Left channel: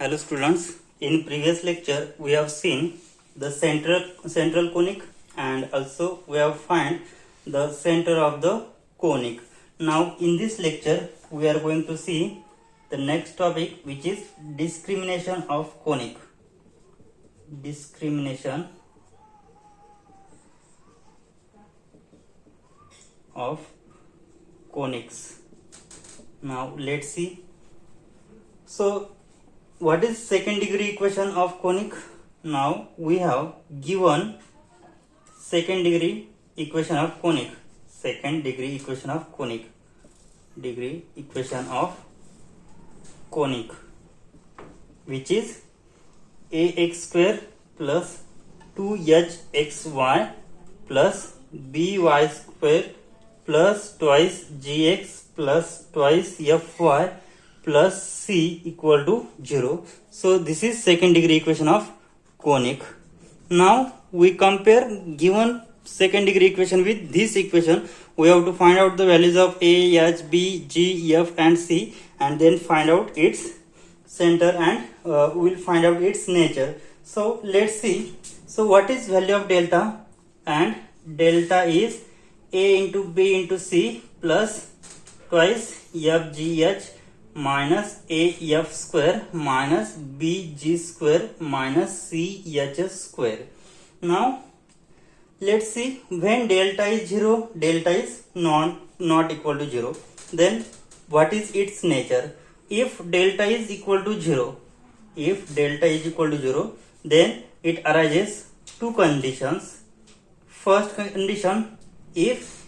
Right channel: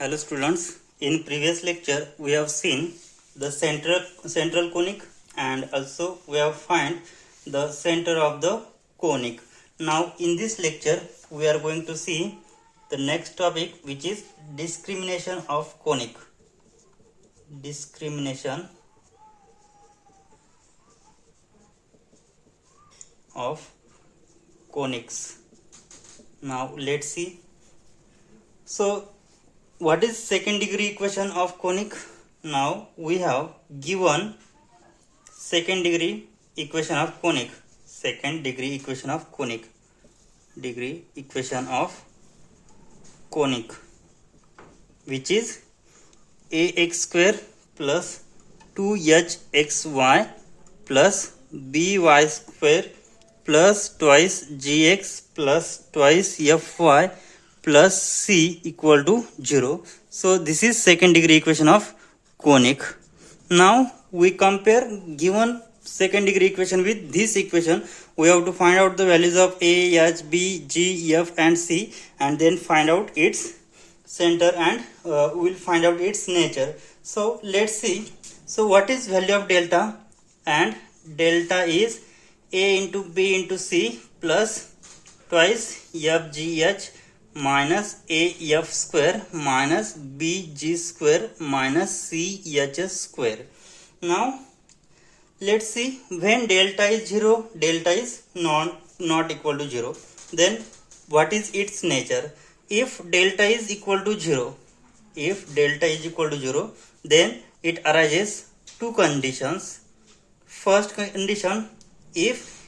Hello students, in previous lecture we have seen the central conic and also we have find the center of the conic. Now in this lecture we are going to see the next topic, which is discrimination of conic. Discrimination of conics. Now let's see. So what is second degree equation of conic? Now we have given second degree equation of conic. Second degree equation of conic. Degree equation of conic, which is ax square plus 2hxy plus by square plus twice gx plus twice fy plus c equal to 0. So this is second degree equation of conic. Now we compare given second degree equation with this equation. We have to find out the values of a, h, b, g, f and c, and then find out its center, and we will find out its nature. So let's see. So what is value of delta? And delta is a into b into c plus twice f g h minus a f square minus b g square minus c h square. Now let's see, when delta is 0, delta is not equal to 0, then what is its nature? If delta is equal to 0, then it arises two conditions. First condition, if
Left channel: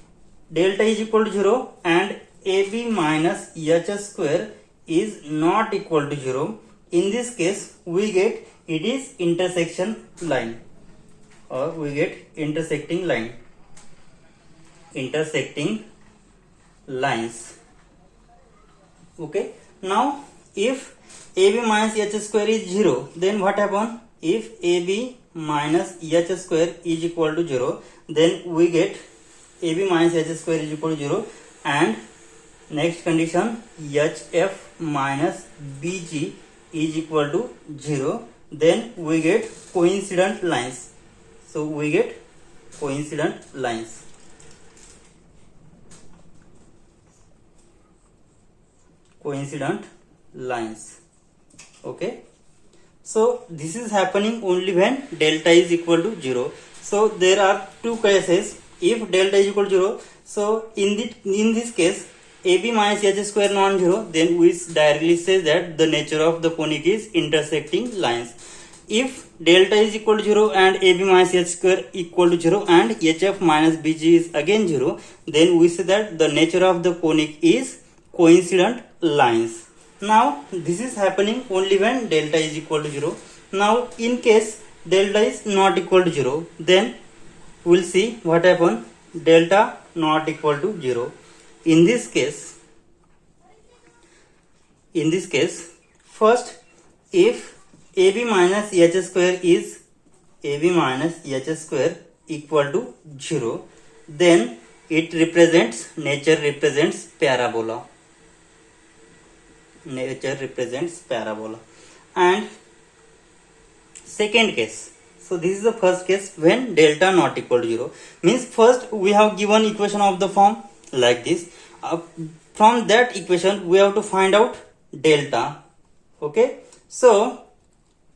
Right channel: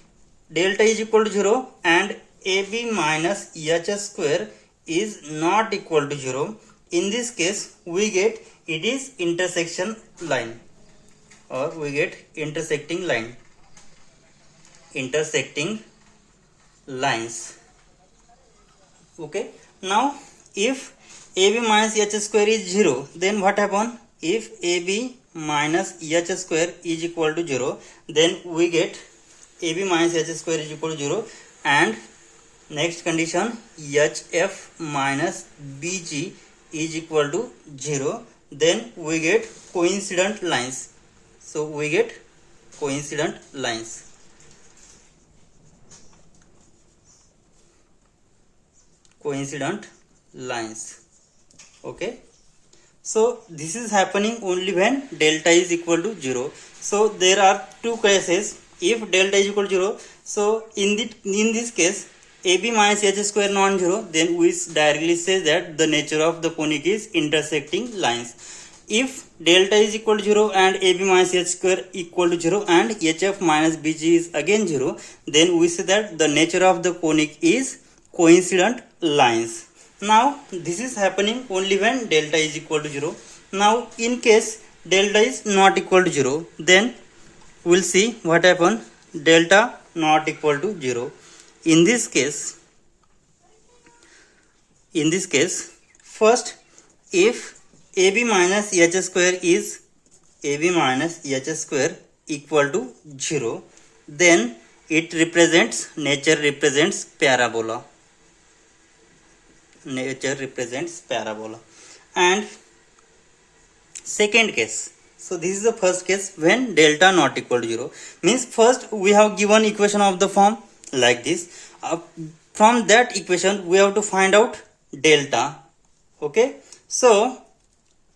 delta is equal to 0 and ab minus h square is not equal to 0, in this case we get it is intersection line, or we get intersecting lines. Okay, now if ab minus h square is 0, then what happen? If ab minus h square is equal to 0, then we get ab minus h square is equal to 0, and next condition, hf minus bg is equal to 0, then we get coincident lines. So we get coincident lines. Okay, so this is happening only when delta is equal to 0. So there are two cases. If delta is equal to 0, so in this case ab minus h square non-zero, then we directly say that the nature of the conic is intersecting lines. If delta is equal to 0 and ab minus h square equal to 0 and hf minus bg is again 0, then we say that the nature of the conic is coincident lines. Now this is happening only when delta is equal to 0. Now in case delta is not equal to 0, then we will see what happen. Delta not equal to 0. In this case, first, if ab minus h square is equal to 0, then it represents, nature represents parabola. And second case, so this is the first case when delta not equal to 0. Means first we have given equation of the form like this. From that equation we have to find out delta. Okay, so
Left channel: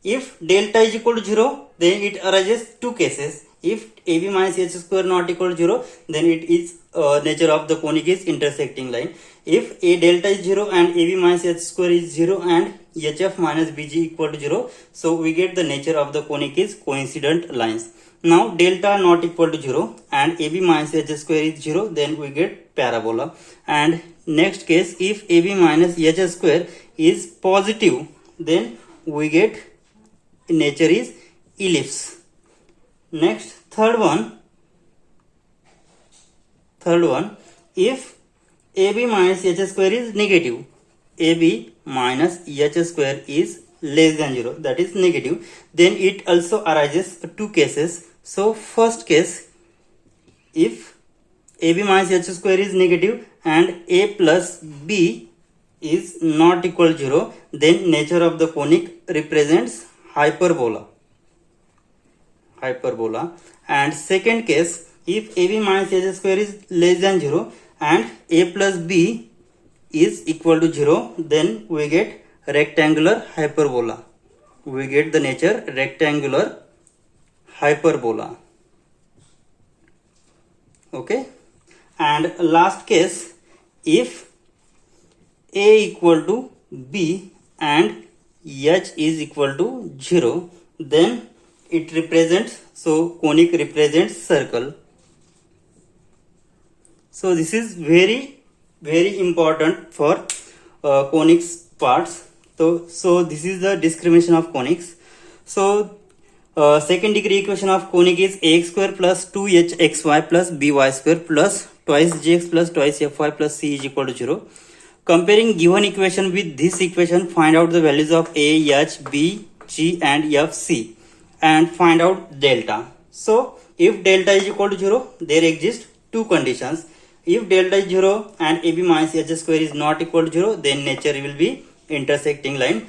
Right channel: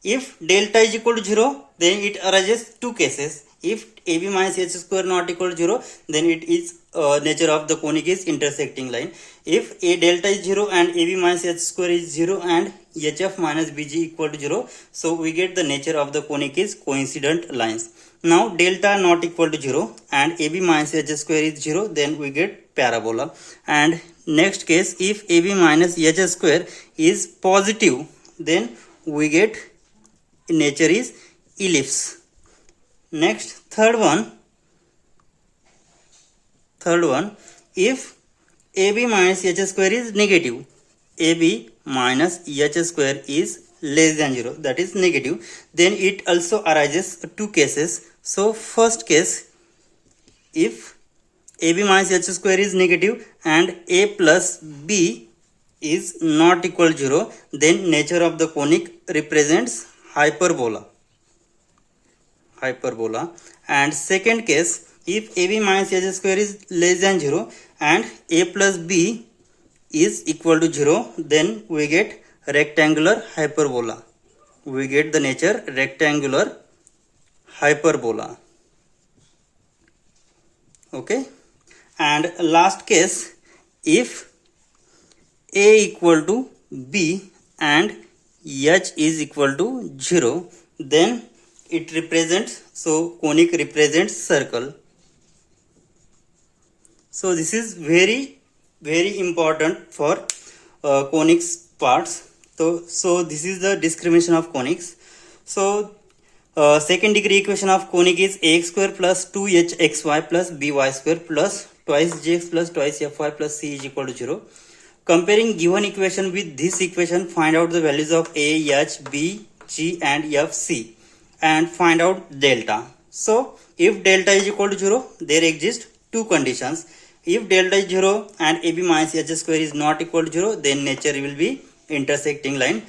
if delta is equal to 0, then it arises two cases. If ab minus h square not equal to 0, then it is nature of the conic is intersecting line. If a delta is 0 and ab minus h square is 0 and hf minus bg equal to 0, so we get the nature of the conic is coincident lines. Now delta not equal to 0 and ab minus h square is 0, then we get parabola. And next case, if ab minus h square is positive, then we get nature is ellipse. Next, third one, if ab minus h square is negative, ab minus h square is less than 0, that is negative, then it also arises two cases. So first case, if ab minus h square is negative and a plus b is not equal to 0, then nature of the conic represents hyperbola. And second case, if AB minus h square is less than 0 and a plus b is equal to 0, then we get rectangular hyperbola. We get the nature rectangular hyperbola. Okay. And last case, if a equal to b and h is equal to 0, then it represents, so conic represents circle. So this is very important for conics parts. So this is the discrimination of conics. So second degree equation of conic is ax square plus 2hxy plus by square plus twice gx plus twice fy plus c is equal to 0. Comparing given equation with this equation, find out the values of a, h, b, g and f, c and find out delta. So if delta is equal to 0, there exist two conditions. If delta is 0 and ab minus h square is not equal to 0, then nature will be intersecting line.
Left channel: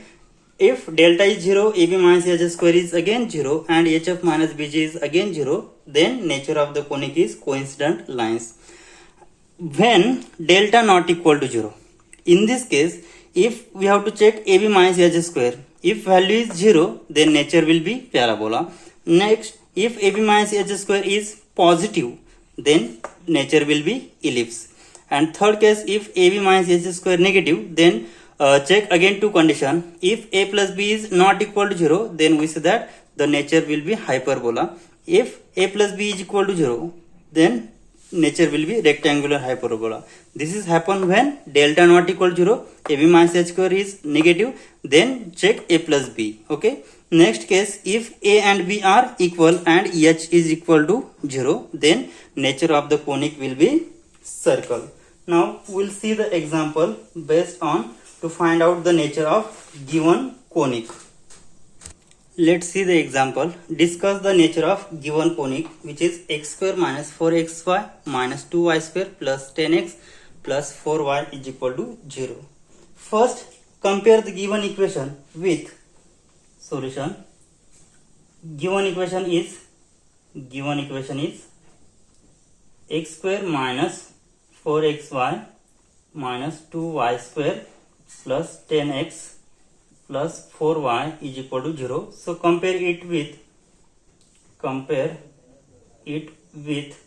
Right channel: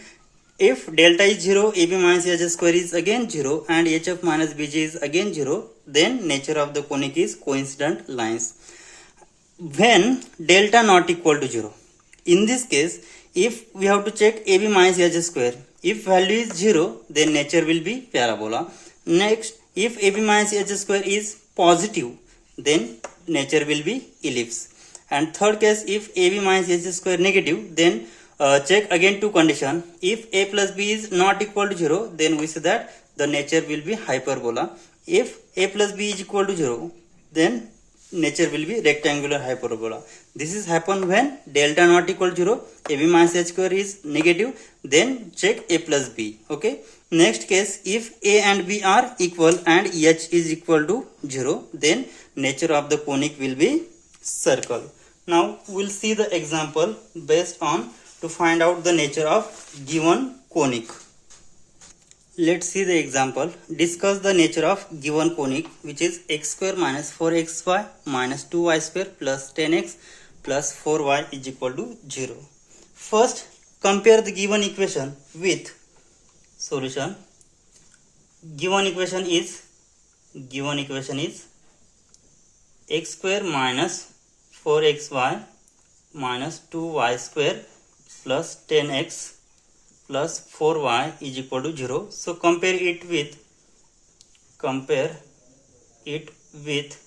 If delta is 0, ab minus h square is again 0 and hf minus bg is again 0, then nature of the conic is coincident lines. When delta not equal to 0, in this case, if we have to check ab minus h square, if value is 0, then nature will be parabola. Next, if ab minus h square is positive, then nature will be ellipse. And third case, if ab minus h square negative, then check again two condition. If a plus b is not equal to 0, then we say that the nature will be hyperbola. If a plus b is equal to 0, then nature will be rectangular hyperbola. This is happen when delta not equal to 0, ab minus h square is negative, then check a plus b. Okay. Next case, if a and b are equal and h is equal to 0, then nature of the conic will be circle. Now we'll see the example based on to find out the nature of given conic. Let's see the example. Discuss the nature of given conic, which is x square minus 4xy minus 2y square plus 10x plus 4y is equal to 0. First, compare the given equation with solution. Given equation is x square minus 4xy minus 2y square plus 10x plus 4y is equal to 0. So compare it with,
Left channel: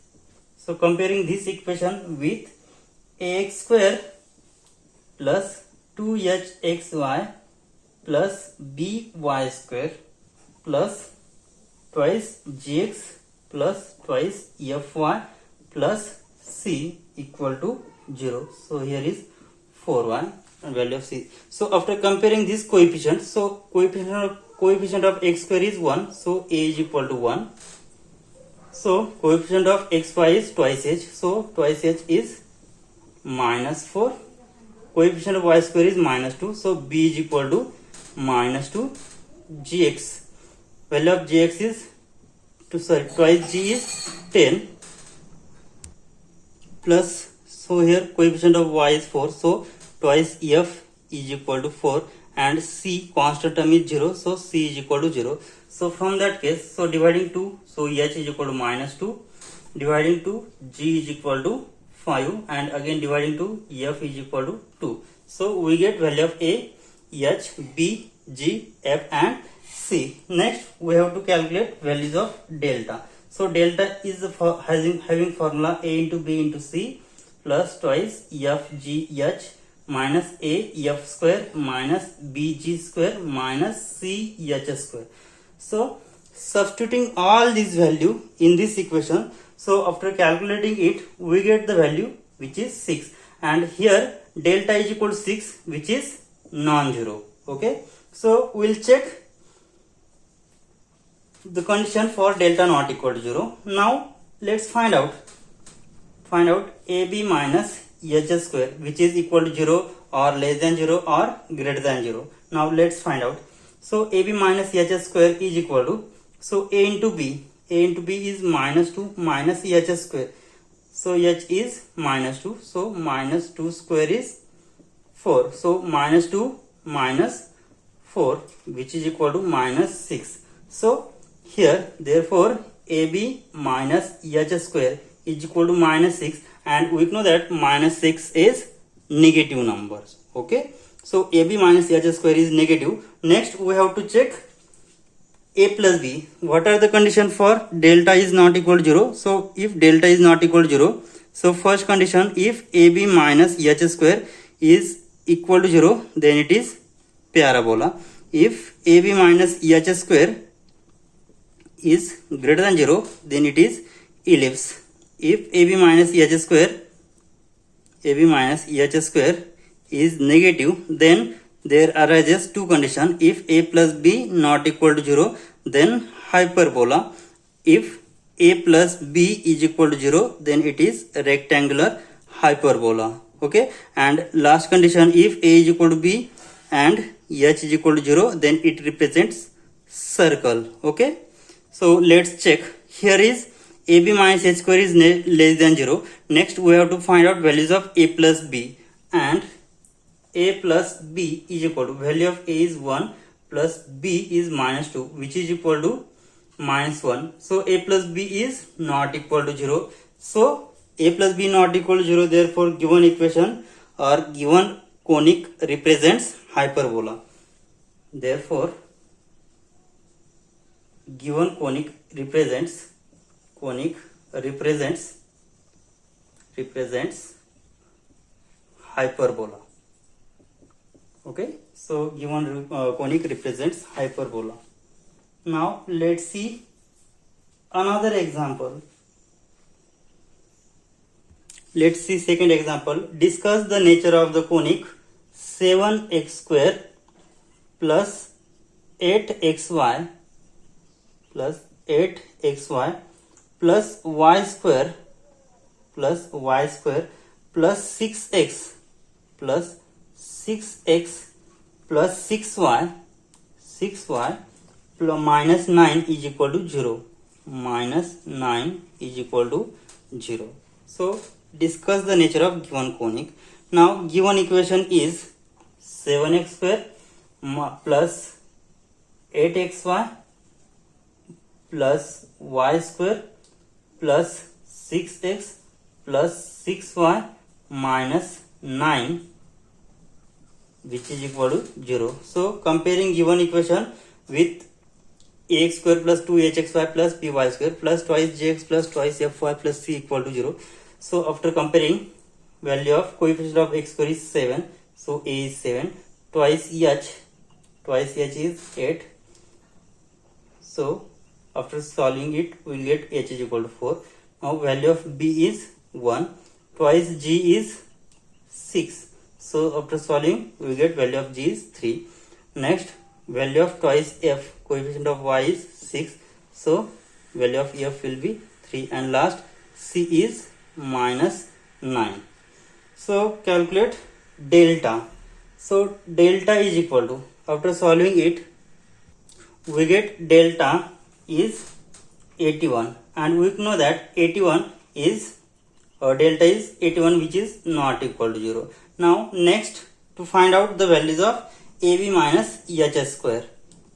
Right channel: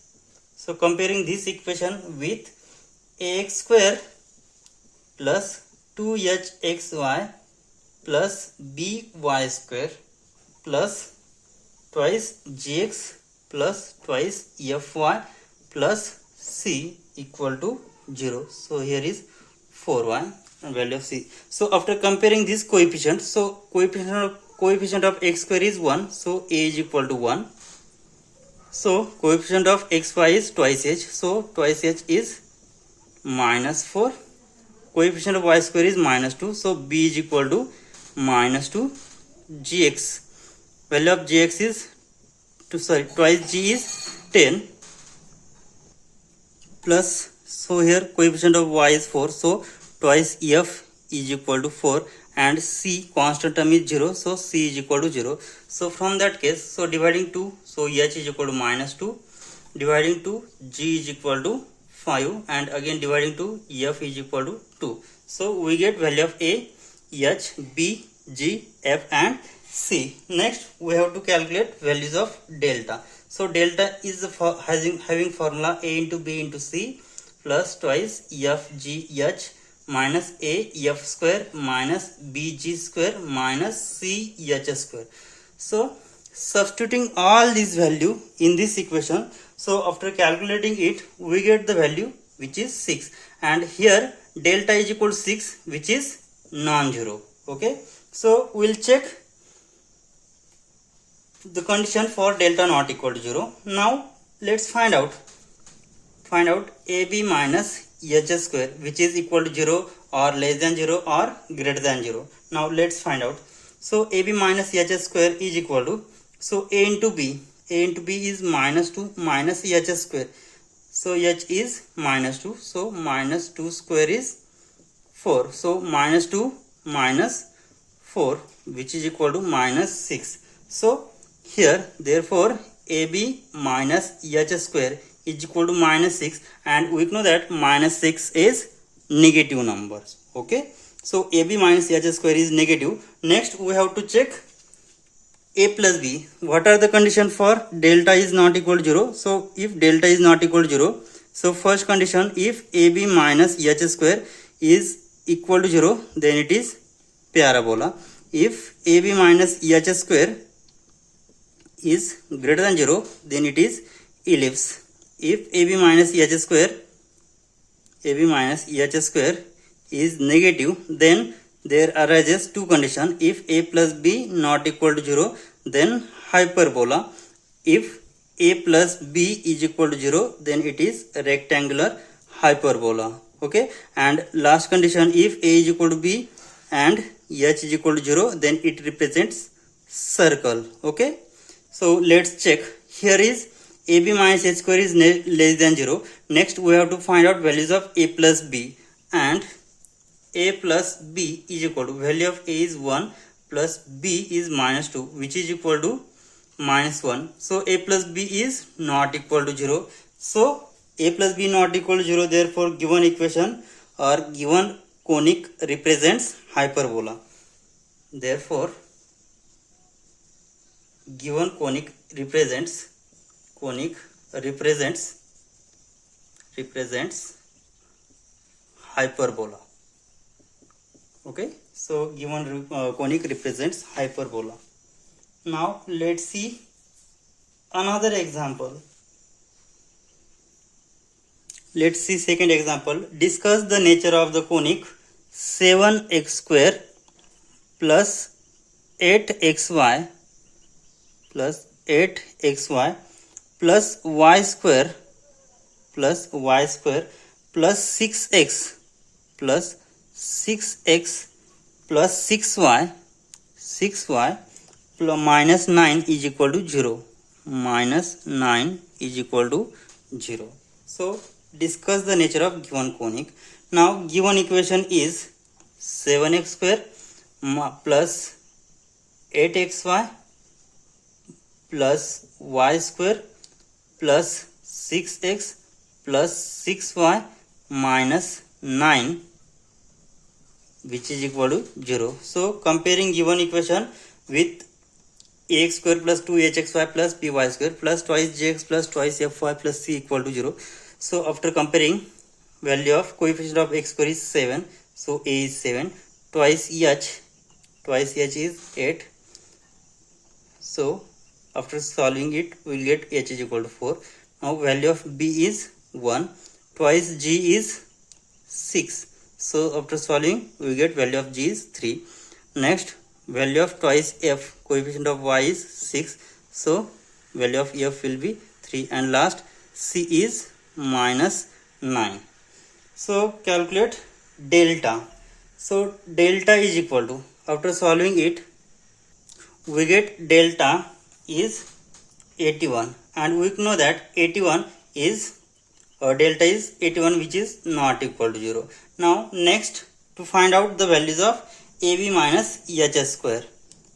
so comparing this equation with ax square plus 2hxy plus by square plus twice gx plus twice fy plus c equal to 0. So here is 4y and value of c. So after comparing this coefficient, so coefficient of x square is 1, so a is equal to 1. So coefficient of xy is twice h, so twice h is minus 4. Coefficient of y square is minus 2, so b is equal to minus 2. Gx, value of gx is twice g is 10 plus, so here coefficient of y is 4, so twice f is equal to 4 and c constant term is 0, so c is equal to 0. So from that case, so dividing 2, so h is equal to minus 2, dividing 2 g is equal to 5 and again dividing 2 f is equal to 2. So we get value of a, h, b, g, f and c. Next we have to calculate values of delta. So delta is having formula a into b into c plus twice f g h minus a f square minus bg square minus c h square. So substituting all these value in this equation, so after calculating it, we get the value which is 6 and here delta is equal to 6, which is non-zero. Okay, so we'll check the condition for delta not equal to 0. Now let's find out ab minus h square, which is equal to 0 or less than 0 or greater than 0. Now let's find out. So ab minus h square is equal to, so a into b is minus 2 minus h square, so h is minus 2, so minus 2 square is 4. So minus 2 minus 4, which is equal to minus 6. So here therefore AB minus h square is equal to minus 6, and we know that minus 6 is negative numbers. Okay, so AB minus h square is negative. Next we have to check a plus b. What are the conditions for delta is not equal to 0? So if delta is not equal to 0, so first condition, if AB minus h square is equal to 0, then it is parabola. If AB minus h square is greater than 0, then it is ellipse. If AB minus h square is negative, then there arises two conditions. If a plus b not equal to 0, then hyperbola. If a plus b is equal to 0, then it is rectangular hyperbola. Okay, and last condition, if a is equal to b and h is equal to 0, then it represents circle. Okay, so let's check. Here is AB minus h square is less than 0. Next we have to find out values of a plus b, and a plus b is equal to, value of a is 1 plus b is minus 2, which is equal to minus 1. So a plus b is not equal to 0. So a plus b not equal to 0, therefore given equation or given conic represents hyperbola. Therefore given conic represents hyperbola. Okay, so given conic represents hyperbola. Now let's see another example. Let's see second example. Discuss the nature of the conic 7x square plus 8xy plus 8xy plus y square plus 6x plus 6y plus minus 9 is equal to 0. Minus 9 is equal to 0. So discuss the nature of given conic. Now given equation is 7x square plus 8xy plus y square plus 6x plus 6y minus 9, which is equal to 0. So comparing given equation with ax square plus 2hxy plus by square plus twice gx plus twice fy plus c equal to 0. So after comparing, value of coefficient of x square is 7. So a is 7. Twice h is 8. So after solving it, we will get h is equal to 4. Now value of b is 1. Twice g is 6. So after solving, we will get value of g is 3. Next, value of twice f, coefficient of y is 6. So value of f will be 3. And last, c is minus 9. So calculate delta. So delta is equal to, after solving it, we get delta is 81, and we know that 81 is delta is 81, which is not equal to 0. Now next, to find out the values of AB minus h square.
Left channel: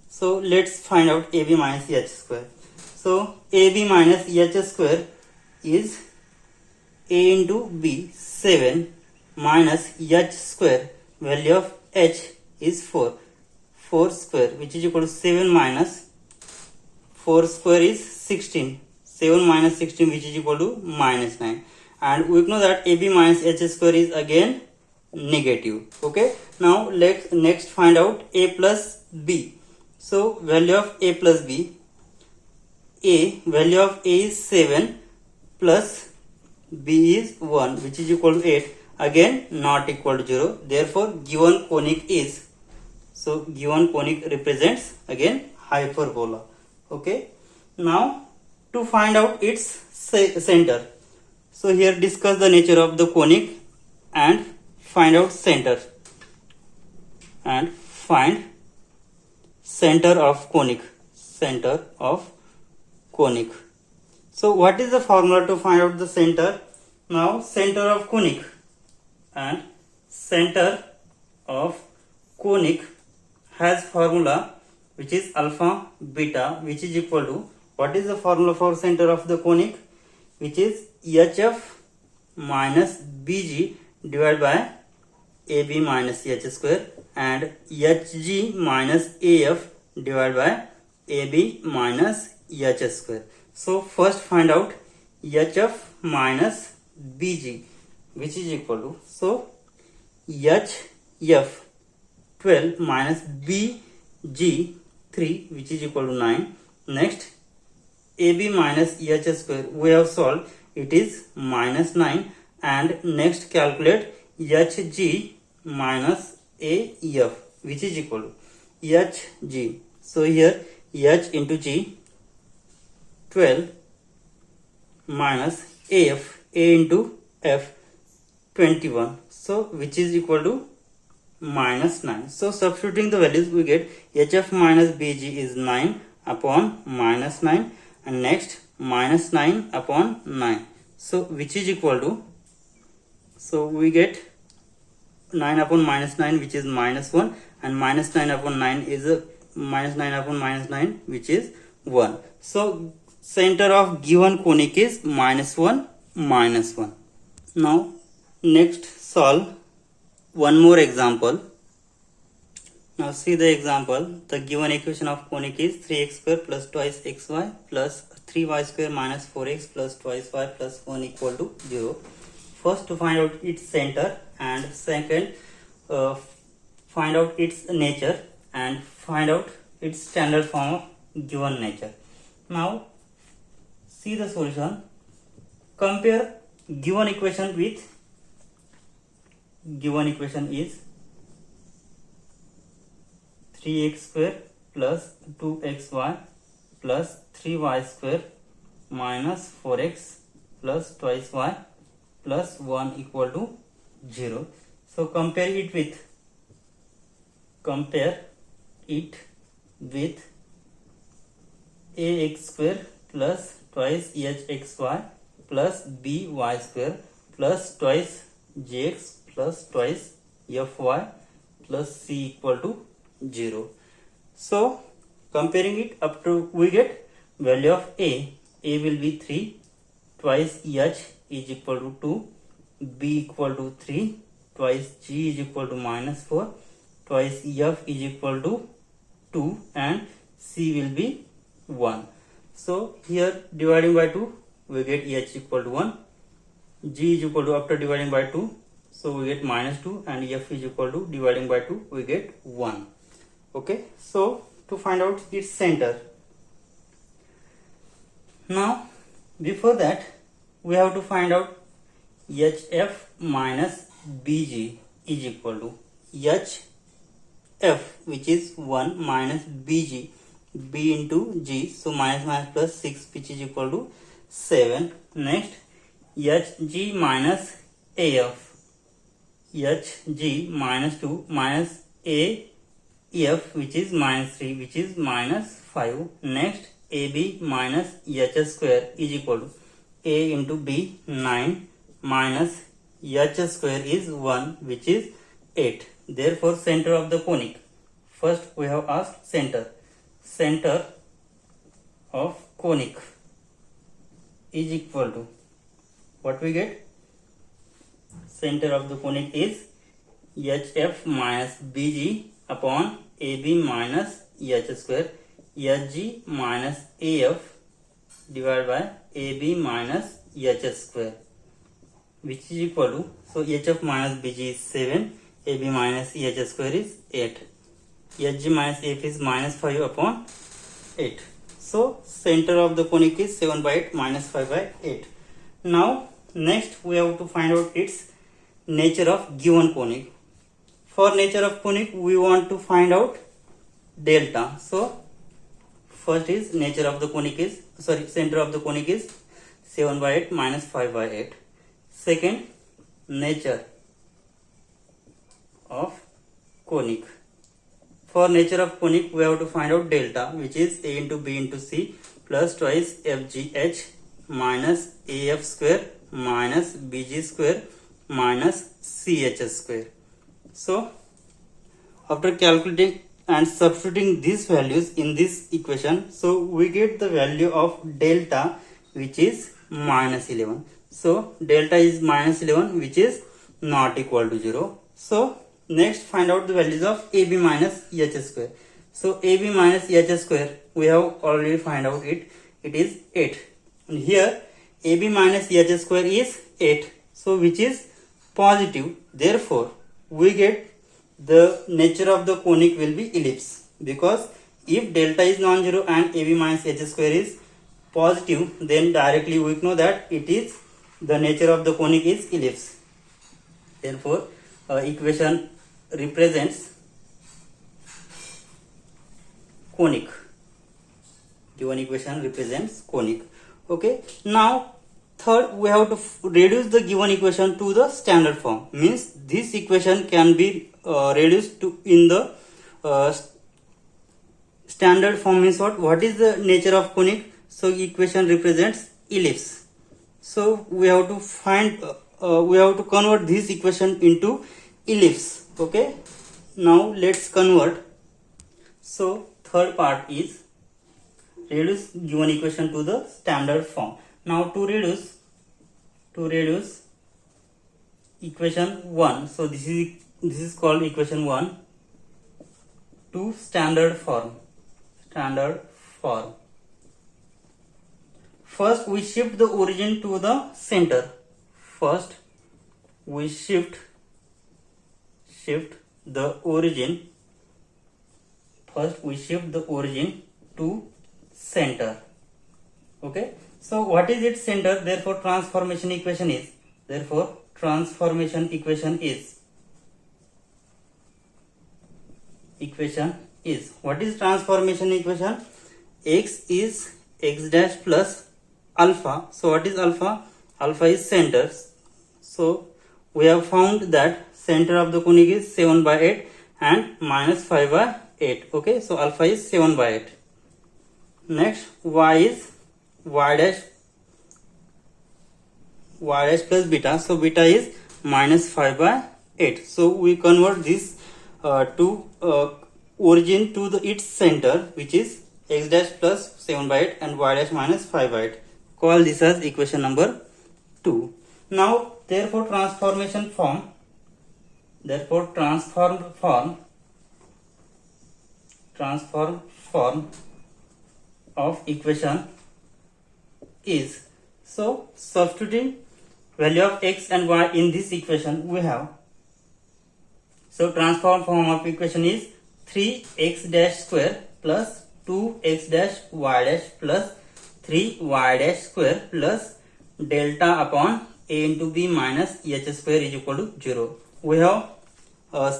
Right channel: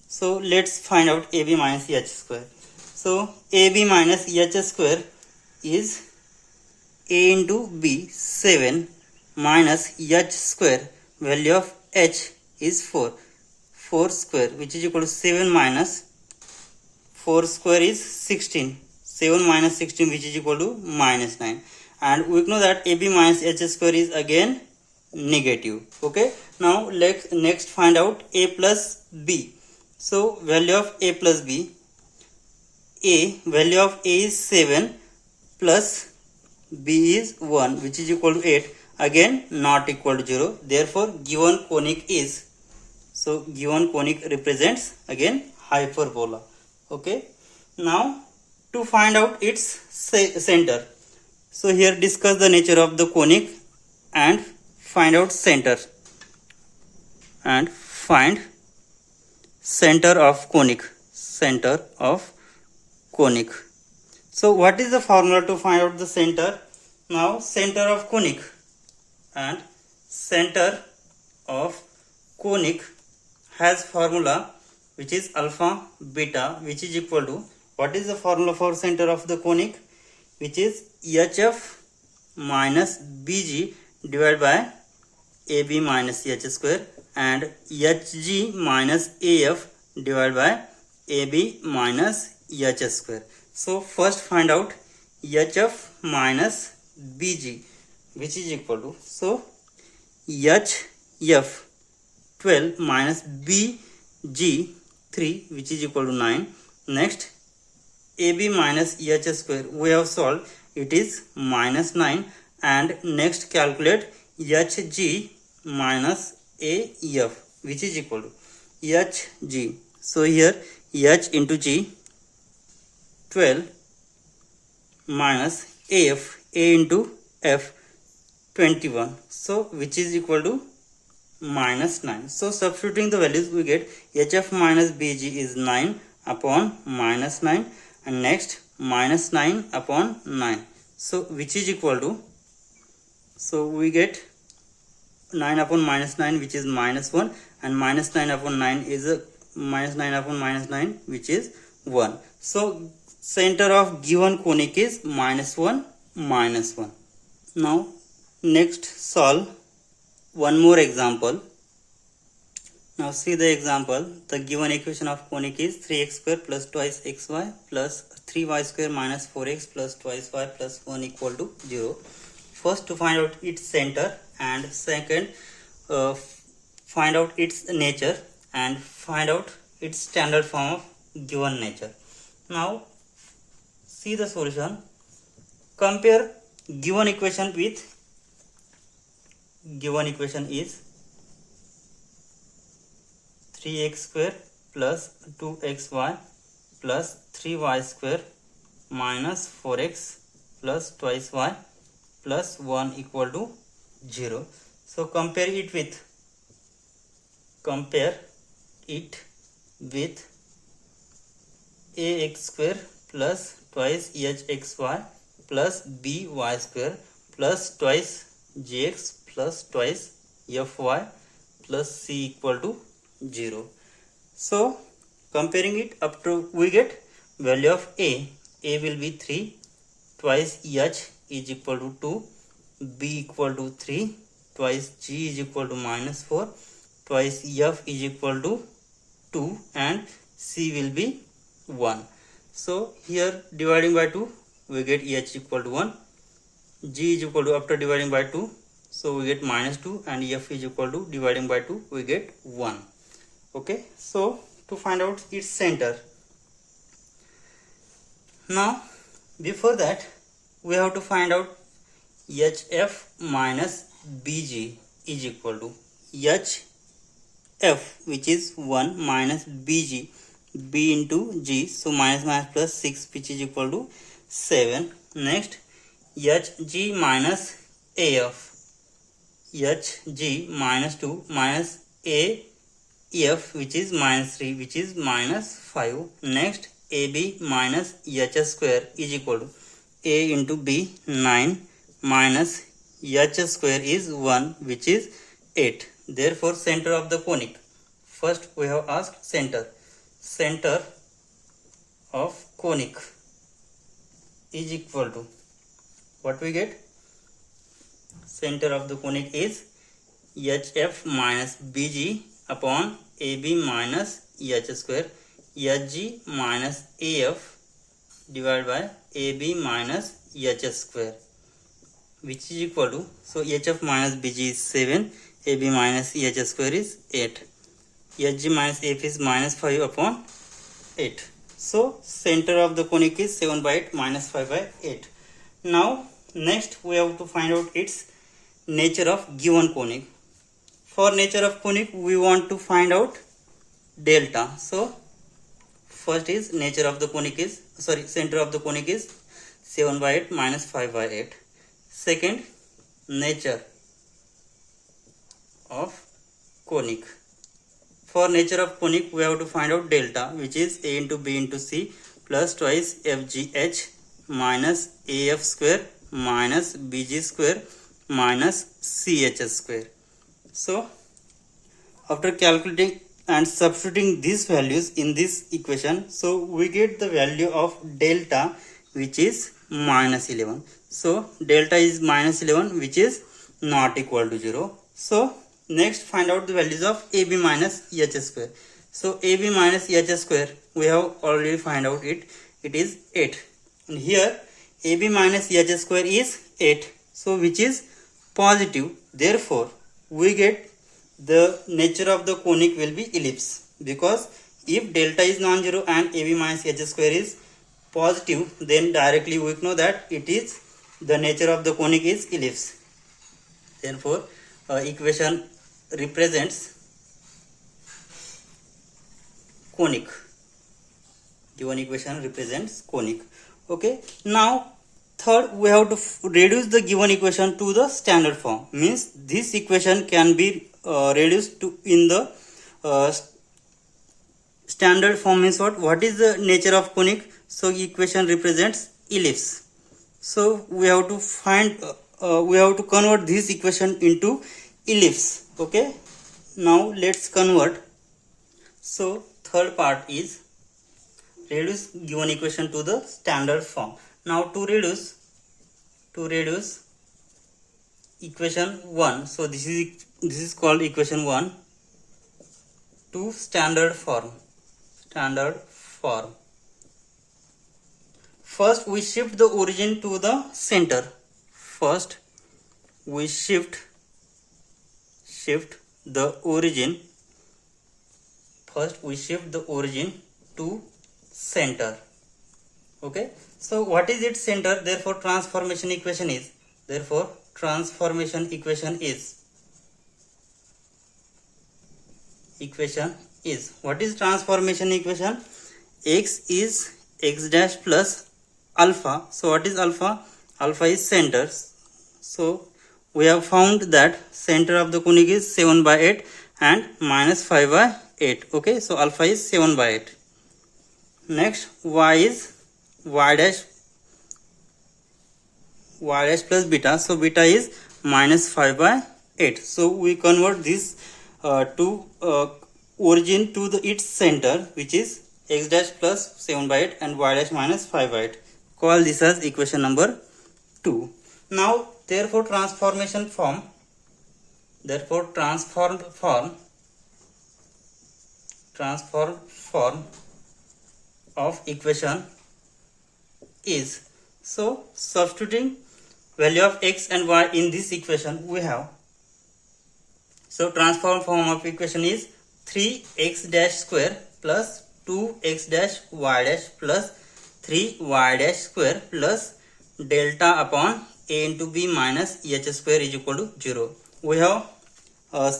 So let's find out AB minus h square. So AB minus h square is a into b 7 minus h square, value of h is 4 square, which is equal to 7 minus 4 square is 16. 7 minus 16, which is equal to minus 9. And we know that AB minus h square is again negative. Okay. Now let's next find out a plus b. So value of a plus b. Value of a is 7 plus b is 1, which is equal to 8. Again not equal to 0. Therefore given conic is, so given conic represents again hyperbola. Okay. Now to find out its center. So here discuss the nature of the conic and find out center. And find center of conic. Center of conic. So what is the formula to find out the center? Now center of conic and center of conic has formula which is alpha beta, which is equal to, what is the formula for center of the conic, which is HF minus BG divided by AB minus H square and HG minus AF divided by AB minus H square. So first find out HF minus BG, which is equal to, so HF 12 minus BG 3, which is equal to 9. Next AB minus H square we have solved, it is minus 9, and next calculate HG minus AF, which is equal to HG. So here H into G 12 minus AF, A into F 21, so which is equal to minus 9. So substituting the values we get HF minus BG is 9 upon minus 9, and next minus 9 upon 9, so which is equal to, so we get 9 upon minus 9, which is minus 1, and minus 9 upon 9 is a minus 9 upon minus 9, which is 1. So center of given conic is minus 1 minus 1. Now next solve one more example. Now see the example. The given equation of conic is 3x square plus twice xy plus 3y square minus 4x plus twice y plus 1 equal to 0. First to find out its center, and second find out its nature, and find out its standard form of given nature. Now see the solution. Compare given equation with, given equation is 3x square plus 2xy plus 3y square minus 4x plus twice y plus 1 equal to 0. So compare it with ax square plus twice hxy plus by square plus twice gx plus twice fy plus c equal to 0. So comparing it up to, we get value of a will be 3, twice h is equal to 2, b equal to 3, twice g is equal to minus 4, twice f is equal to 2, and c will be 1. So here dividing by 2 we get h equal to 1, g is equal to, after dividing by 2, so we get minus 2, and f is equal to, dividing by 2 we get 1. Okay, so to find out its center. Now before that we have to find out HF minus BG is equal to HF, which is 1 minus BG, B into G, so minus minus plus 6, which is equal to 7. Next HG minus AF, HG minus 2 minus AF, which is minus 3, which is minus 5. Next AB minus H square is equal to A into B 9 minus H square is 1, which is 8. Therefore center of the conic, first we have asked center of conic is equal to, what we get, center of the conic is HF minus BG upon AB minus H square, HG minus AF divided by AB minus H square, which is equal to, so HF minus BG is 7, AB minus H square is 8, HG minus AF is minus 5 upon 8. So center of the conic is 7 by 8 minus 5 by 8. Now next we have to find out its nature of given conic. For nature of conic we want to find out delta. So first is nature of the conic is, center of the conic is 7 by 8 minus 5 by 8. Second, nature of conic. For nature of conic we have to find out delta, which is A into B into C plus twice FGH minus AF square minus BG square minus CH square. So after calculating and substituting these values in this equation, so we get the value of delta, which is minus 11. So delta is minus 11, which is not equal to 0. So next, find out the values of AB minus EH square. So AB minus EH square, we have already find out it. It is 8. And here AB minus EH square is 8. So which is positive. Therefore, we get the nature of the conic will be ellipse, because if delta is non-zero and AB minus EH square is positive, then directly we know that it is the nature of the conic is ellipse. Therefore, equation represents conic. Given equation represents conic. Okay. Now, third, we have to reduce the given equation to the standard form. Means this equation can be reduced to in the standard form. Means what? What is the nature of conic? So equation represents ellipse. So we have to find. We have to convert this equation into ellipse. Okay. Now let's convert. So third part is reduce given equation to the standard form. Now to reduce equation 1. So this is called equation 1 to standard form. First we shift the origin to the center. First we shift the origin. First we shift the origin to center. Okay. So what is its center? Therefore transformation equation is. What is transformation equation? X is x dash plus alpha. So what is alpha? Alpha is center. So we have found that center of the conic is 7 by 8 and minus 5 by 8. Okay, so alpha is 7 by 8. Next, y is y dash plus beta. So beta is minus 5 by 8. So we convert this to origin to its center, which is x dash plus 7 by 8 and y dash minus 5 by 8. Call this as equation number 2. Now, therefore transform form of equation is. So substituting value of x and y in this equation we have. So transform form of equation is 3x dash square plus 2x dash y dash plus 3y dash square plus delta upon a into b minus h square is equal to 0. We have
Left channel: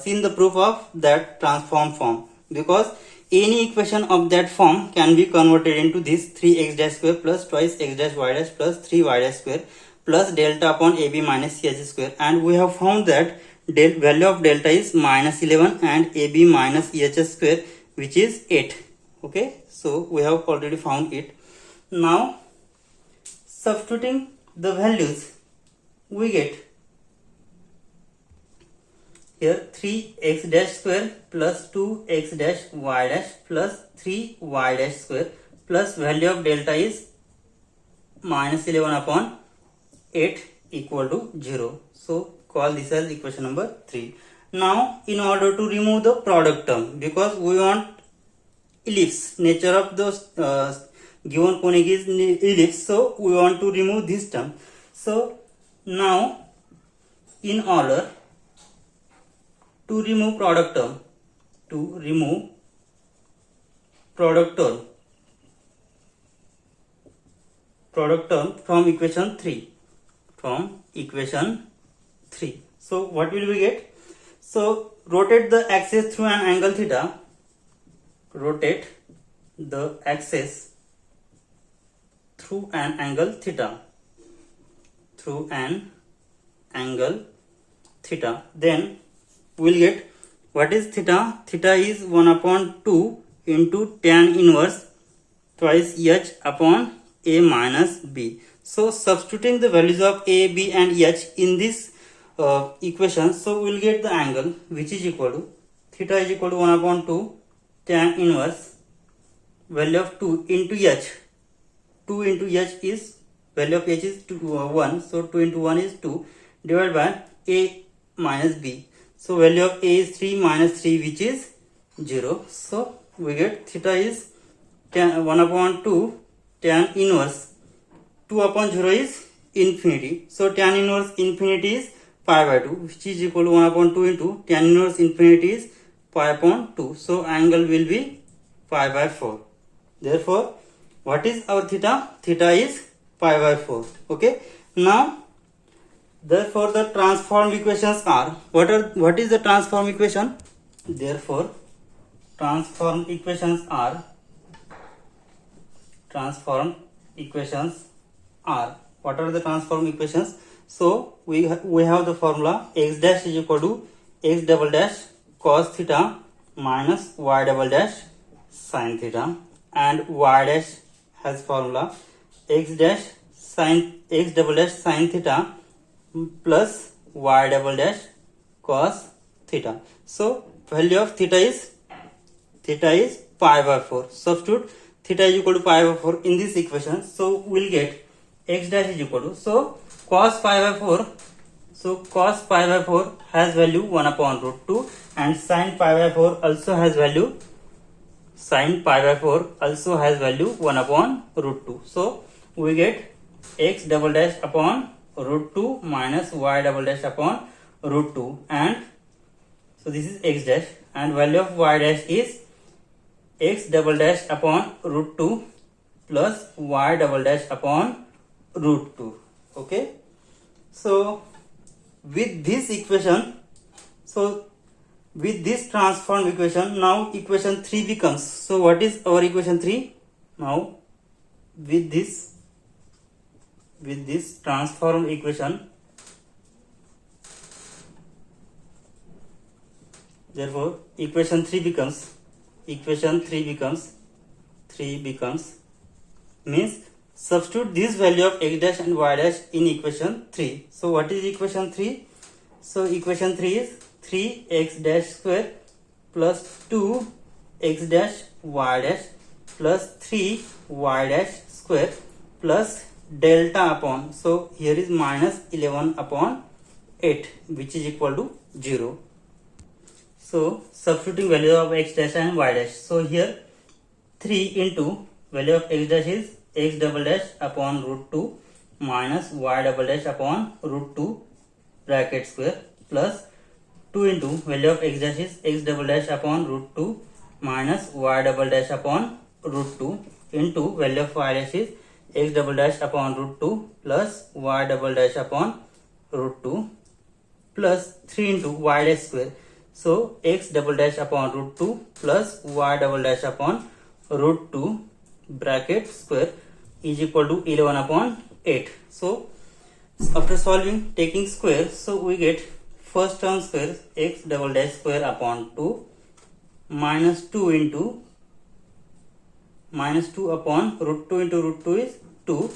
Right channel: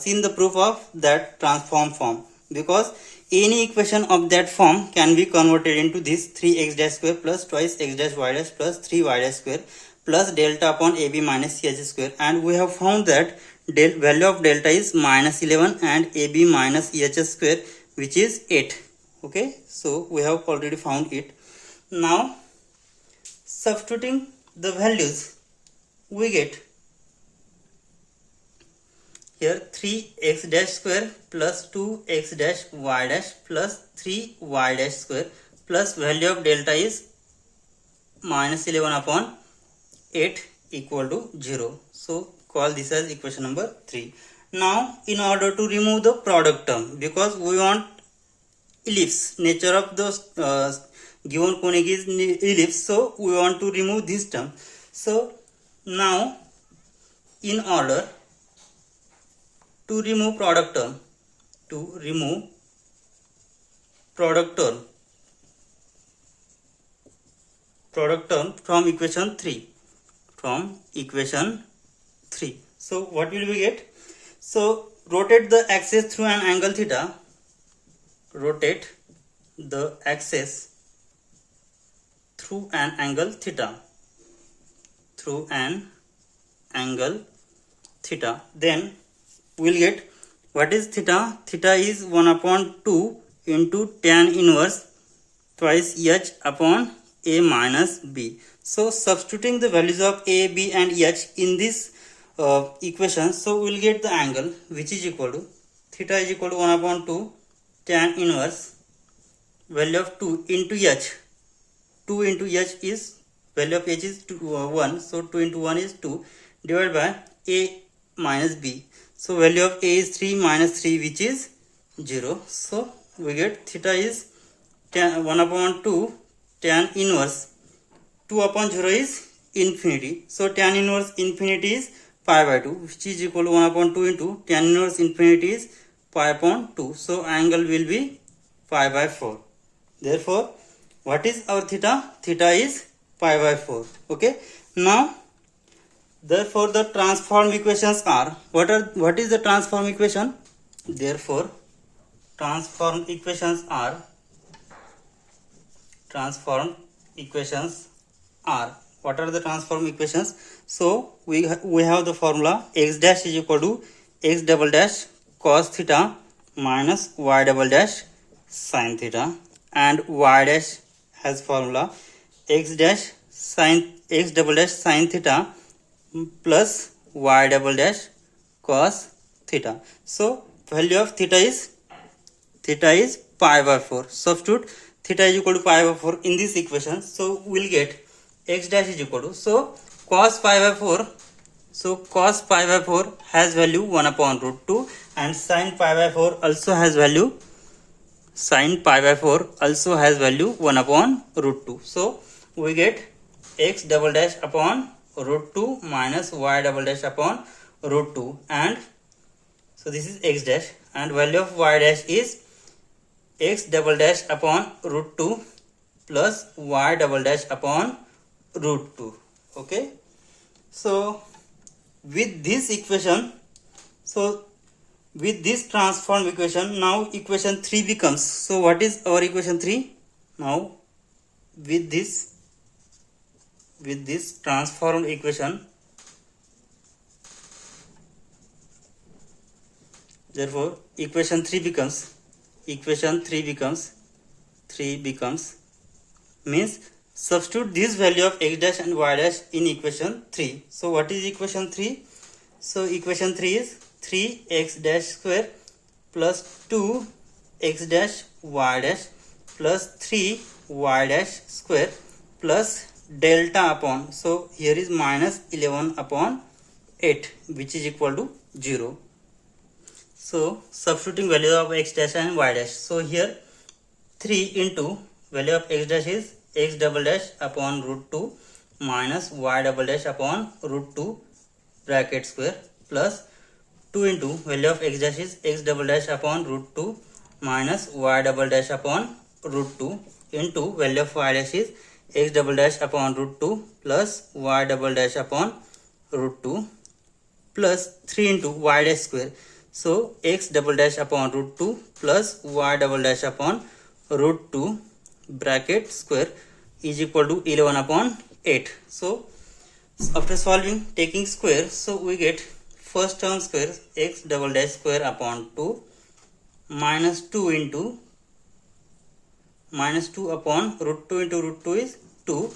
seen the proof of that transform form, because any equation of that form can be converted into this 3x dash square plus twice x dash y dash plus 3y dash square plus delta upon ab minus ch square, and we have found that value of delta is minus 11 and ab minus h square, which is 8. Okay, so we have already found it. Now substituting the values, we get here 3x dash square plus 2x dash y dash plus 3y dash square plus value of delta is minus 11 upon 8 equal to 0. So call this as equation number 3. Now in order to remove the product term, because we want ellipse, nature of the given conic is ellipse, so we want to remove this term. So now in order to remove product term, from equation 3, so what will we get? So rotate the axis through an angle theta. Rotate the axis through an angle theta. Then we'll get, what is theta? Theta is 1 upon 2 into tan inverse twice h upon a minus b. So substituting the values of a, b and h in this equation, so we'll get the angle which is equal to theta is equal to 1 upon 2 tan inverse value of 2 into h. 2 into h is value of h is 1, so 2 into 1 is 2 divided by a minus b. So value of a is 3 minus 3, which is 0. So we get theta is 1 upon 2 tan inverse 2 upon 0 is infinity. So tan inverse infinity is pi by 2, which is equal to 1 upon 2 into tan inverse infinity is pi upon 2. So angle will be pi by 4. Therefore, what is our theta? Theta is pi by 4. Okay. Now, therefore the transform equations are, what is the transform equation? Therefore, transform equations are what are the transform equations? So we have the formula x dash is equal to x double dash cos theta minus y double dash sin theta, and y dash has formula x double dash sin theta plus y double dash cos theta. So value of theta is pi by 4. Substitute theta is equal to pi by 4 in this equation. So we'll get x dash is equal to, so cos pi by 4. So cos pi by 4 has value 1 upon root 2, and sin pi by 4 also has value 1 upon root 2. So we get x double dash upon root 2 minus y double dash upon root 2, and so this is x dash, and value of y dash is x double dash upon root 2 plus y double dash upon root 2. Okay. So with this equation, so with this transform equation, now equation 3 becomes, so what is our equation 3? Now with this transform equation, therefore equation 3 becomes means substitute this value of x dash and y dash in equation 3. So what is equation 3? So equation 3 is 3x dash square plus 2x dash y dash plus 3y dash square plus delta upon, so here is minus 11 upon 8, which is equal to 0. So substituting value of x dash and y dash, so here 3 into value of x dash is x double dash upon root 2 minus y double dash upon root 2 bracket square plus 2 into value of x dash is x double dash upon root 2 minus y double dash upon root 2 into value of y dash is x double dash upon root 2 plus y double dash upon root 2 plus 3 into y dash square. So x double dash upon root 2 plus y double dash upon root 2 bracket square is equal to 11 upon 8. So after solving, taking square, so we get first term square x double dash square upon 2 minus 2 into minus 2 upon root 2 into root 2 is 2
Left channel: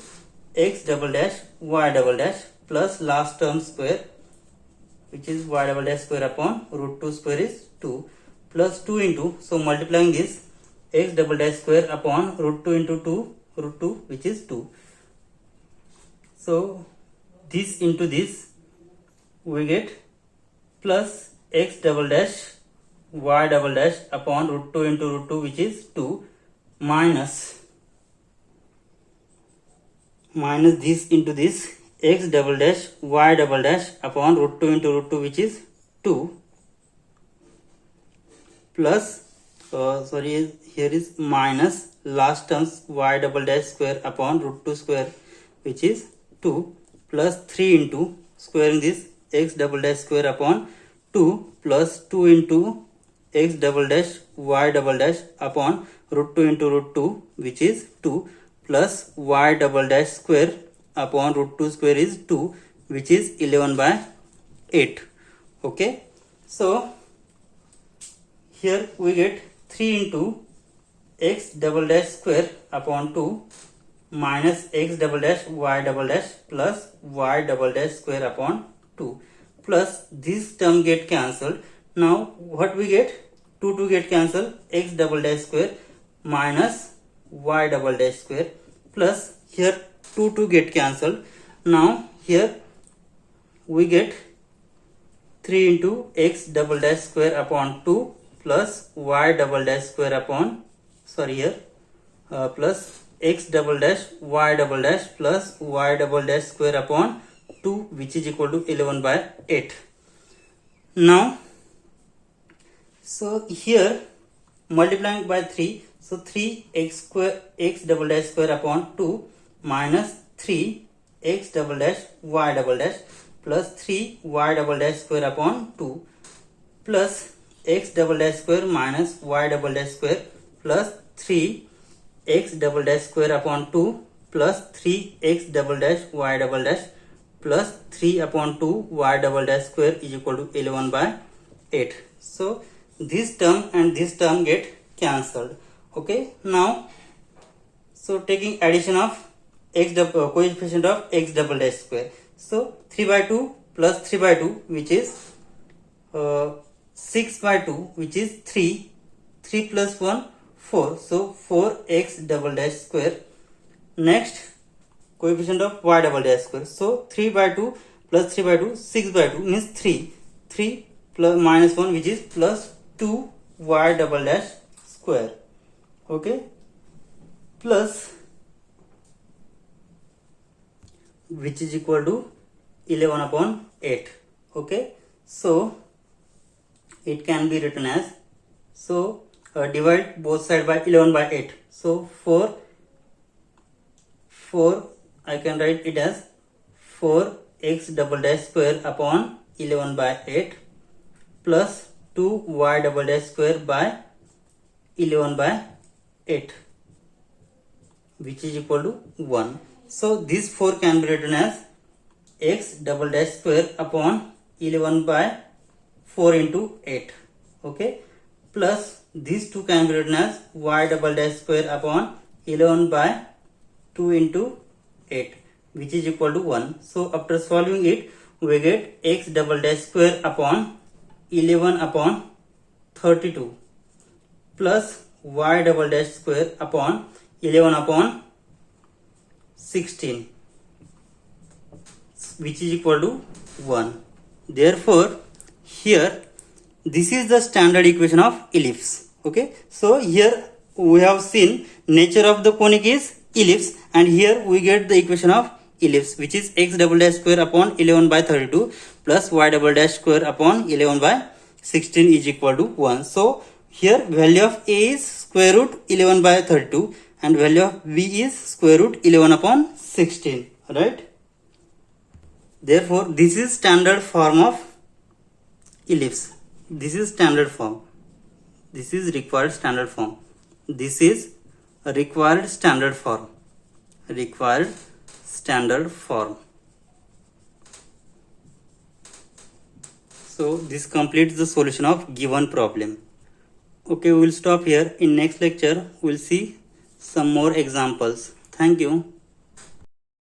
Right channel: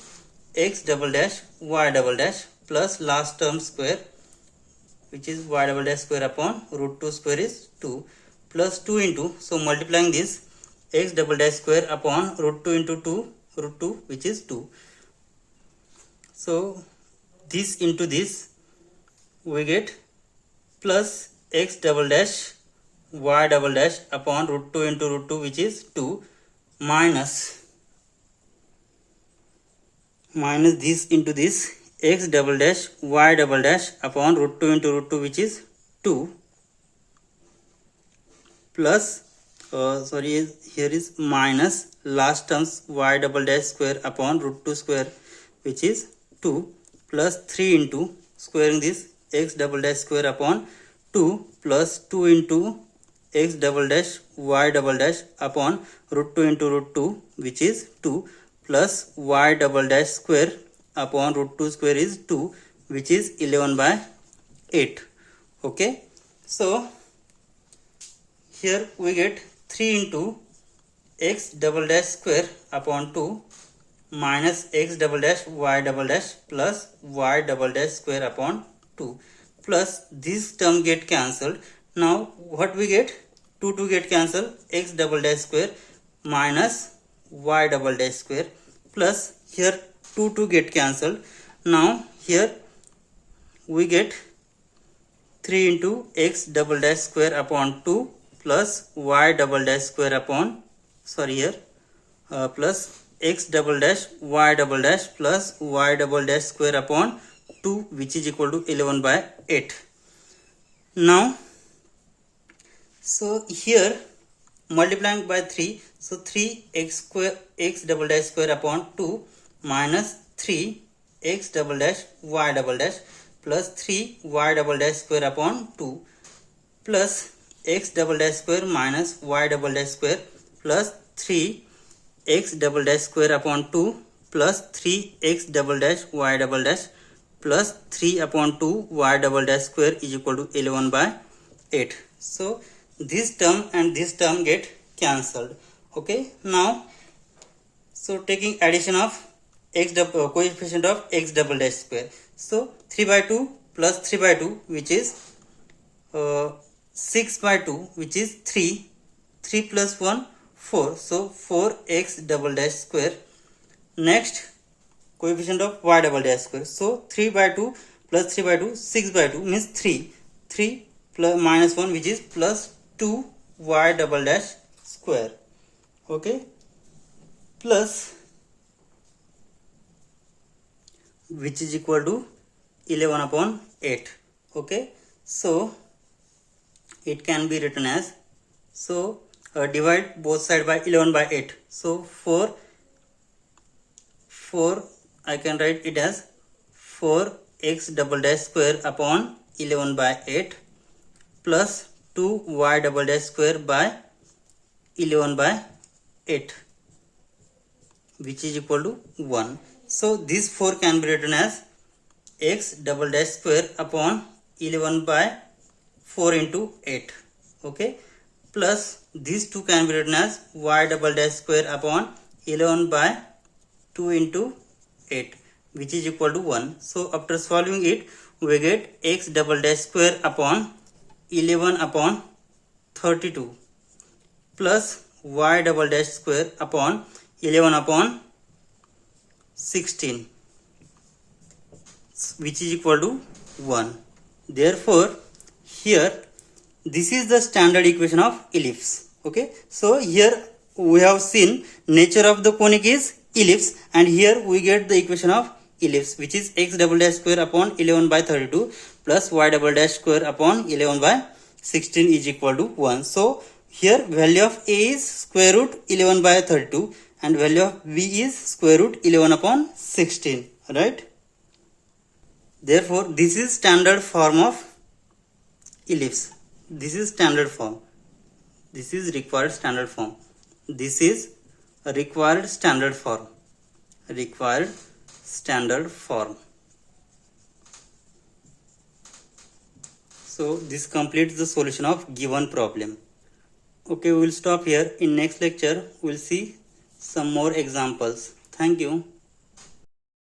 x double dash y double dash plus last term square, which is y double dash square upon root 2 square is 2 plus 2 into, so multiplying this x double dash square upon root 2 into 2 root 2, which is 2. So this into this we get plus x double dash y double dash upon root 2 into root 2, which is 2 minus this into this x double dash y double dash upon root 2 into root 2, which is 2 plus here is minus last terms y double dash square upon root 2 square, which is 2 plus 3 into squaring this x double dash square upon 2 plus 2 into x double dash y double dash upon root 2 into root 2, which is 2 plus y double dash square upon root 2 square is 2, which is 11 by 8. Okay. So here we get 3 into x double dash square upon 2 minus x double dash y double dash plus y double dash square upon 2 plus this term get cancelled. Now what we get? 2 get cancel, x double dash square minus y double dash square, plus here 2 get cancelled. Now here we get 3 into x double dash square upon 2 plus y double dash square upon, plus x double dash y double dash plus y double dash square upon 2, which is equal to 11 by 8. Now, so here multiplying by 3, so 3x square x double dash square upon 2 minus 3x double dash y double dash plus 3y double dash square upon 2 plus x double dash square minus y double dash square plus 3x double dash square upon 2 plus 3x double dash y double dash plus 3 upon 2 y double dash square is equal to 11 by 8. So this term and this term get cancelled. Okay, now so taking addition of x coefficient of x double dash square, so 3 by 2 plus 3 by 2, which is 6 by 2, which is 3 plus 1 4, so 4x double dash square. Next coefficient of y double dash square, so 3 by 2 plus 3 by 2, 6 by 2 means 3 plus minus 1, which is plus 2 y double dash square. Okay, plus which is equal to 11 upon 8. Okay, so it can be written as, so divide both sides by 11 by 8, so 4 I can write it as 4x double dash square upon 11 by 8 plus 2y double dash square by 11 by 8, which is equal to 1. So this 4 can be written as x double dash square upon 11 by 4 into 8. Okay, plus these 2 can be written as y double dash square upon 11 by 2 into 8, which is equal to 1. So after solving it, we get x double dash square upon 11 upon 32 plus y double dash square upon 11 upon 16, which is equal to 1. Therefore, here this is the standard equation of ellipse. Okay, so here we have seen nature of the conic is ellipse, and here we get the equation of ellipse, which is x double dash square upon 11 by 32 plus y double dash square upon 11 by 16 is equal to 1. So here value of a is square root 11 by 32 and value of b is square root 11 upon 16, right? Therefore this is standard form of ellipse. This is standard form. This is required standard form. This is a required standard form. Required standard form. So this completes the solution of given problem. Okay, we will stop here. In next lecture, we will see some more examples. Thank you.